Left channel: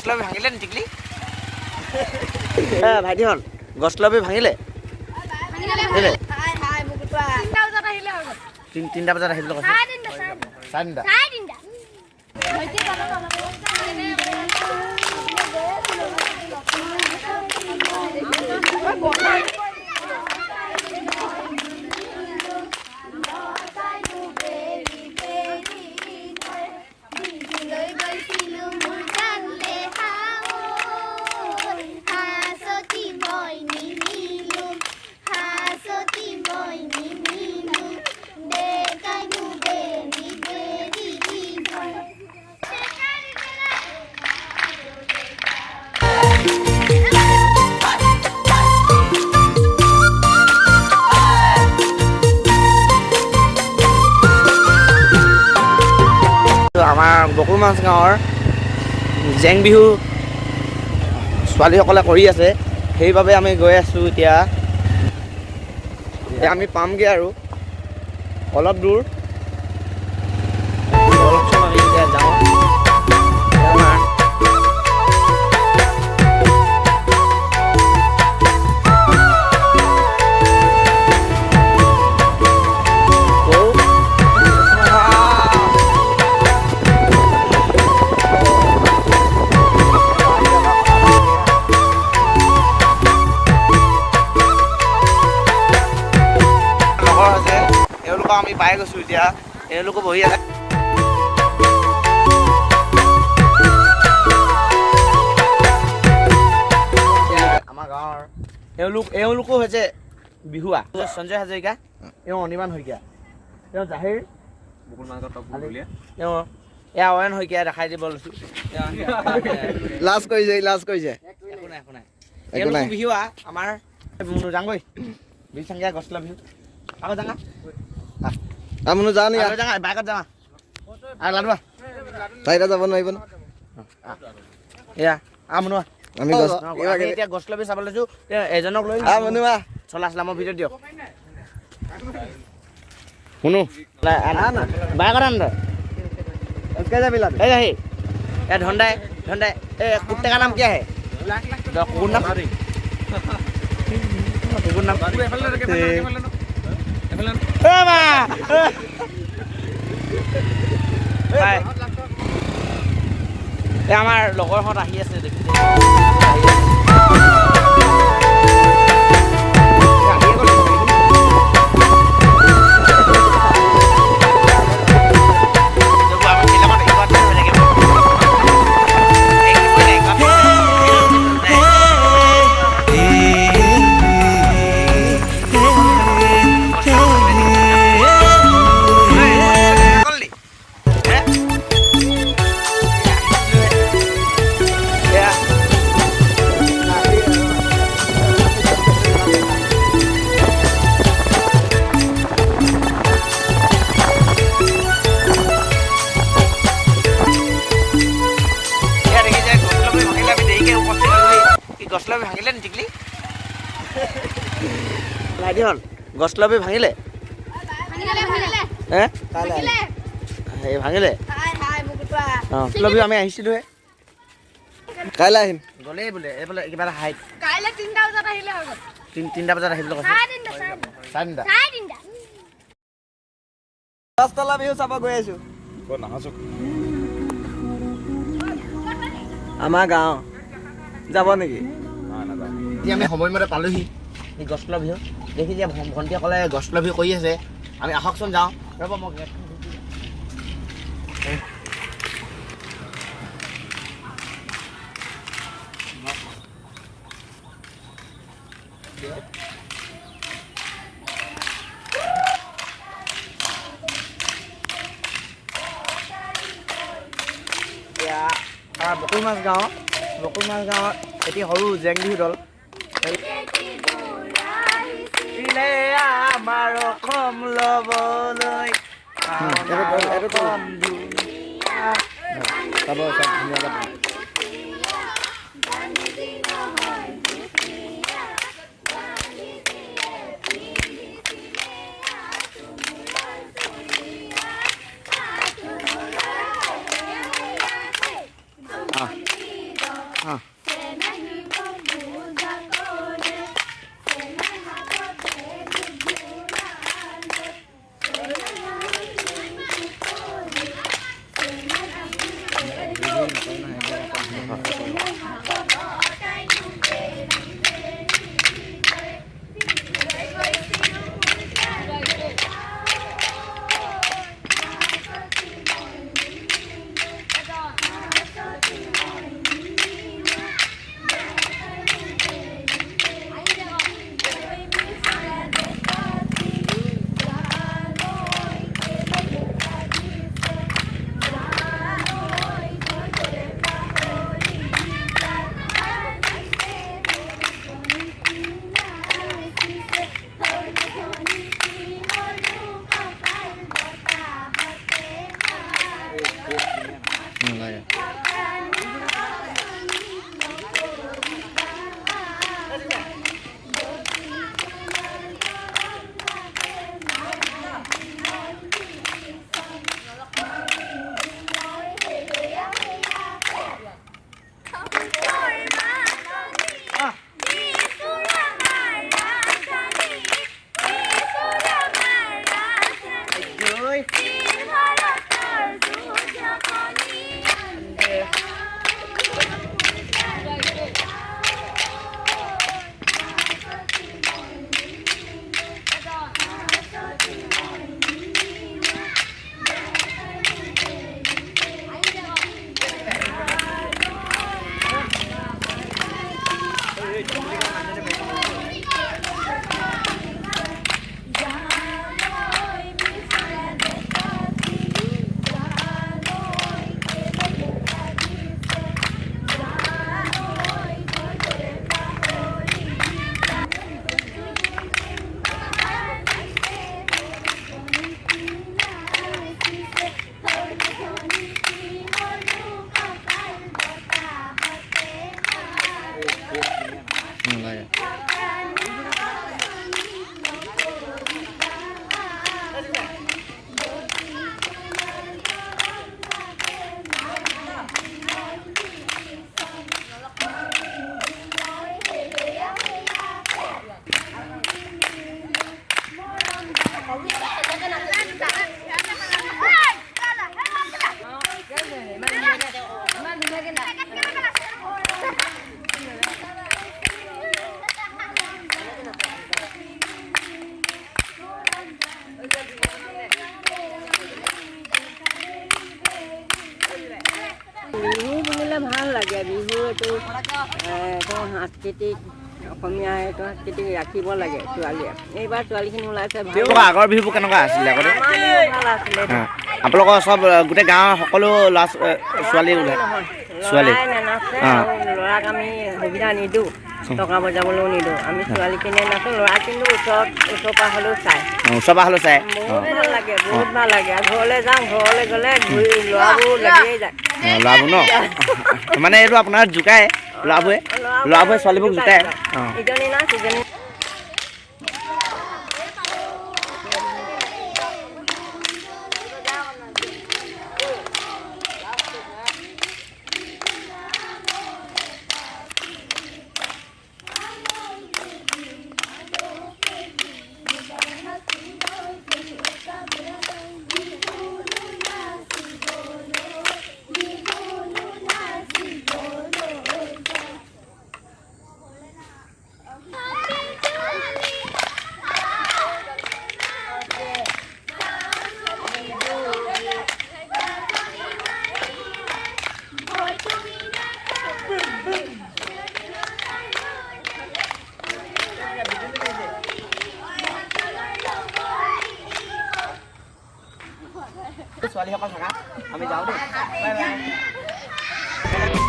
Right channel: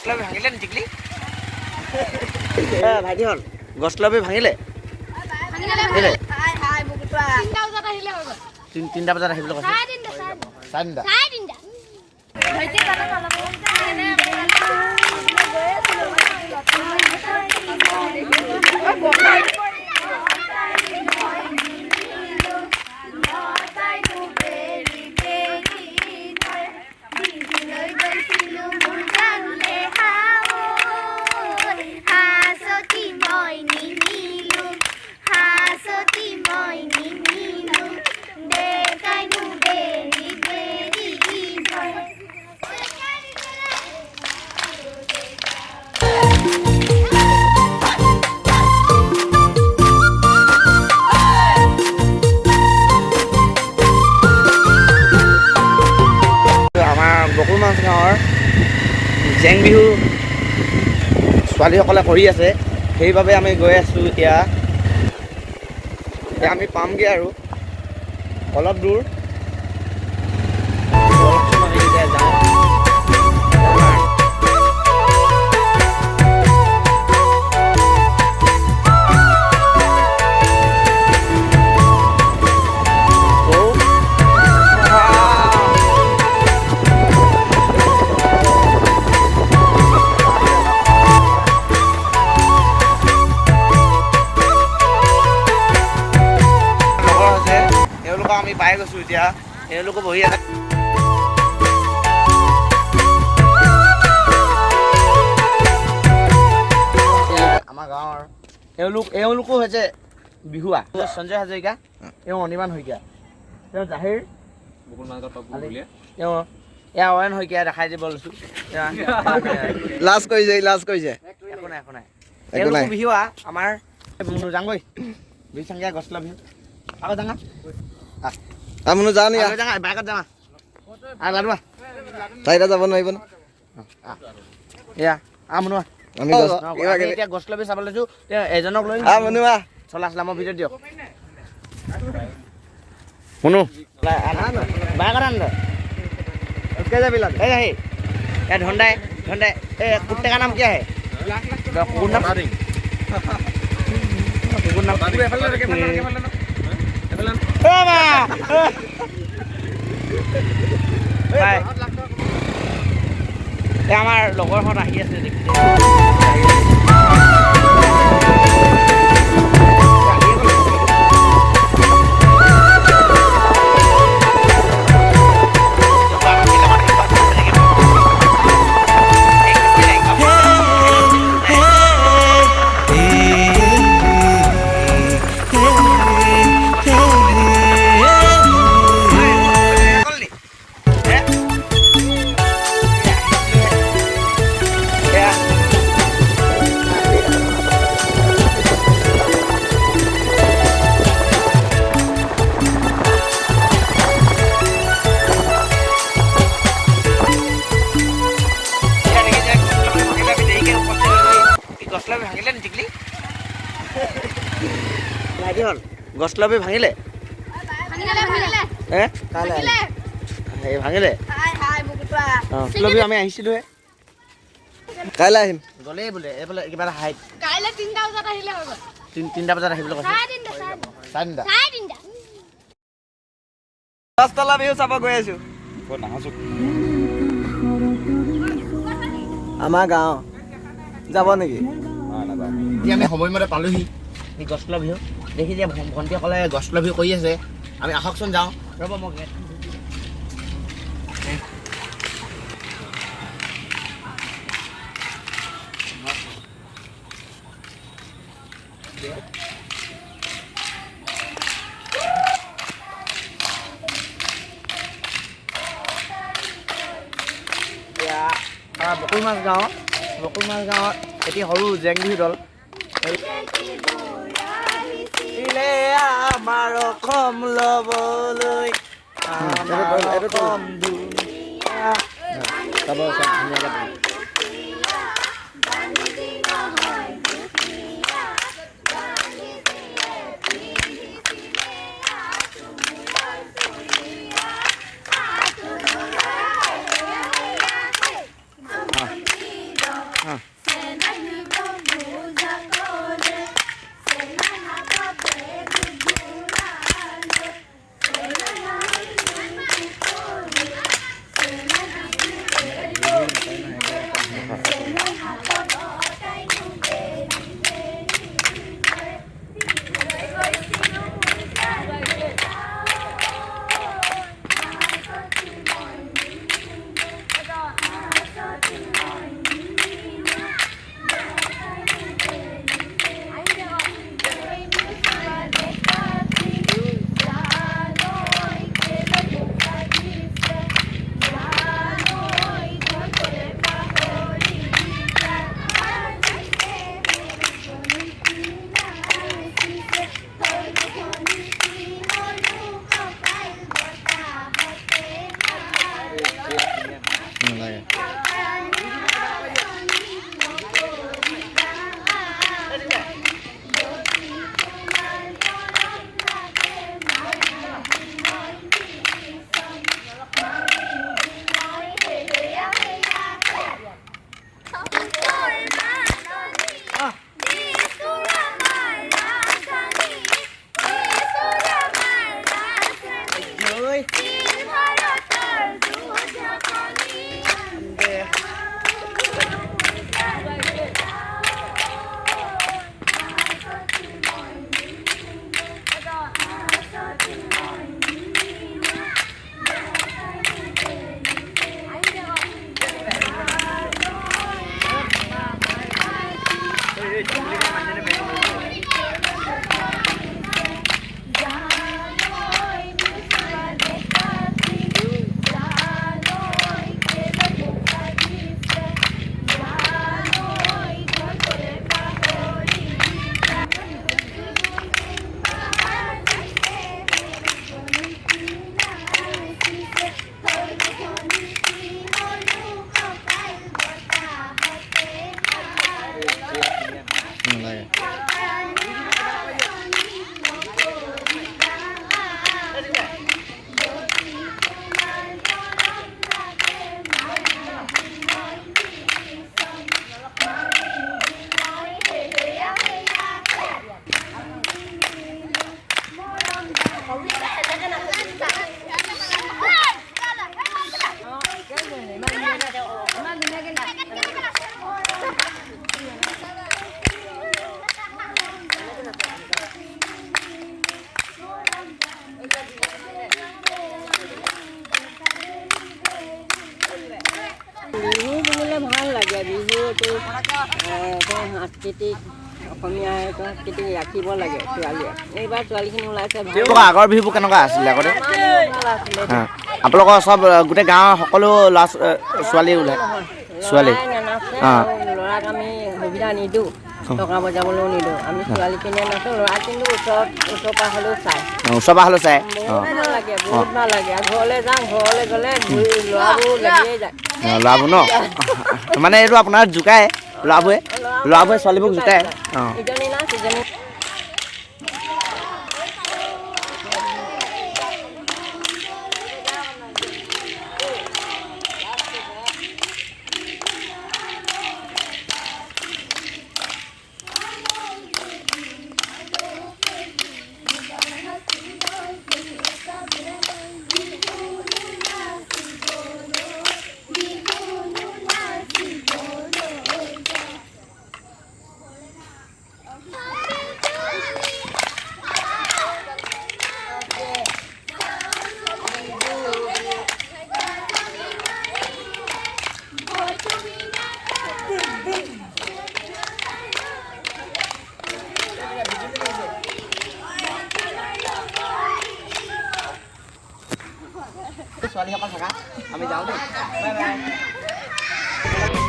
গছলবি ভাঙিলে নি টিকলি ভাইটিহন গছলবি ভাঙিলে কেলে 3টা বজাত আহিবলৈ কৈছে 4টা বকুলমাছ গাঁৱৰ জেং বিহু ছোৱালীসকলে কৰি আছে সেইবাবে আমি গৈ আছোঁ এতিয়া আমি পামগৈ আৰু অলপ দূৰ আমি এতিয়া যাওঁ আমি পাই গৈছো এতিয়া এওঁলোকে বহি আছে আমাৰ গাঁৱৰ এওঁলোকো হৈছে বিহুৱা সঞ্জয় হাজৰিকা এওঁ অনিমান শইকীয়া তেওঁ জাহিৰ তেওঁ এয়া অয়ন শইকীয়া দেখাই দিব লৈছো লাজ কৰিছে একো নাই বিহুৱা আমাৰ যাংগৈ বিশাংগীয়া গছলা বিহু আকৌ যাঙা আমনো যাওঁ নি বাইকত যাওঁ লাডুৱা চাৰিটা যাব নোৱাৰিব ন এয়া আমনোৱা আমি এতিয়া গছলবি চাব লৈছো এজনক লৈ আমনোৱা চলা চলামৰ ভিতৰত দিয়ক শুনো বাইকত আন इसके जा बिला ए है क्या ढोंडा है ए कुत्ते का नाम क्या है कुकुर नाम कुकुर नाम আমাৰ লগৰহঁত আহি আছে দেখিছে গছলবি ভাঙিলে ভাঙিলে গছলবি আমি আহিছিলো কাইলৈ আহিম গ'লেই বোলে এইফালে কিবা এটা হাইট 3টা বজাত আহিলে হৈ গ'ল 3টা বজাত আহিবলৈ কৈছে 4টা গছতলা বিহু চাব গৈ আছো আমাৰ গাঁও যাব নেকি এতিয়া আমি সময়মতে পালোহি এই গছতলা বিহু দেখি যে ভণ্টিসকলে গছতলা বিহু কৰি আছে আমি আহকচোন যাওঁ ৰ'ব মই গেট বকুলমাছ গাঁৱত এটি সৰু জেং বিহু দল আমাৰ অসম ল'বলৈ চাব চব ধুনীয়াকৈ বিহু বুলিলে ভাল লাগে। বিহুটো সাংস্কৃতিক অসমীয়া এইটো সাংস্কৃতিক ৰাখিব লাগে ছোৱালীয়ে। এইবাৰ ছোৱালীখিনি ওলাইছে ভাল। আগৰ বিহুবোৰ কেনেকুৱা আছিলে আগতে? আমাৰ বিহু ভাল আছিলে। আপোনালোকৰ চব গোটেই গাঁৱৰ সকলো ল'ৰা ছোৱালী ওলাই? ল'ৰাই নানাচে আৰু ল'ৰাক আমি সুবিধা নিদিওঁ, টকা বজাবলৈও নিদিওঁ। আমি ছোৱালীখিনিয়ে নাচোঁ, ল'ৰা কিন্তু ওচৰ পৰা হ'লেও চাই। ওচৰ পৰা হ'লেও চাই? বহুত ভাল লাগে, বহুত ভাল লাগে। আৰু ঘৰলৈ যাওঁ, ঘৰলৈ গ'লে ল'ৰাবোৰ লাগিয়েই যায়। ল'ৰাবোৰ ন? মানে এইটো আপোনাৰ জোকায় ল'ৰাবোৰে ছোৱালীবোৰক জোকায়? ইজনী নাচ ইজনী ছোৱালীসকল থাকা, আমি যাওঁ দেই। Bye bye.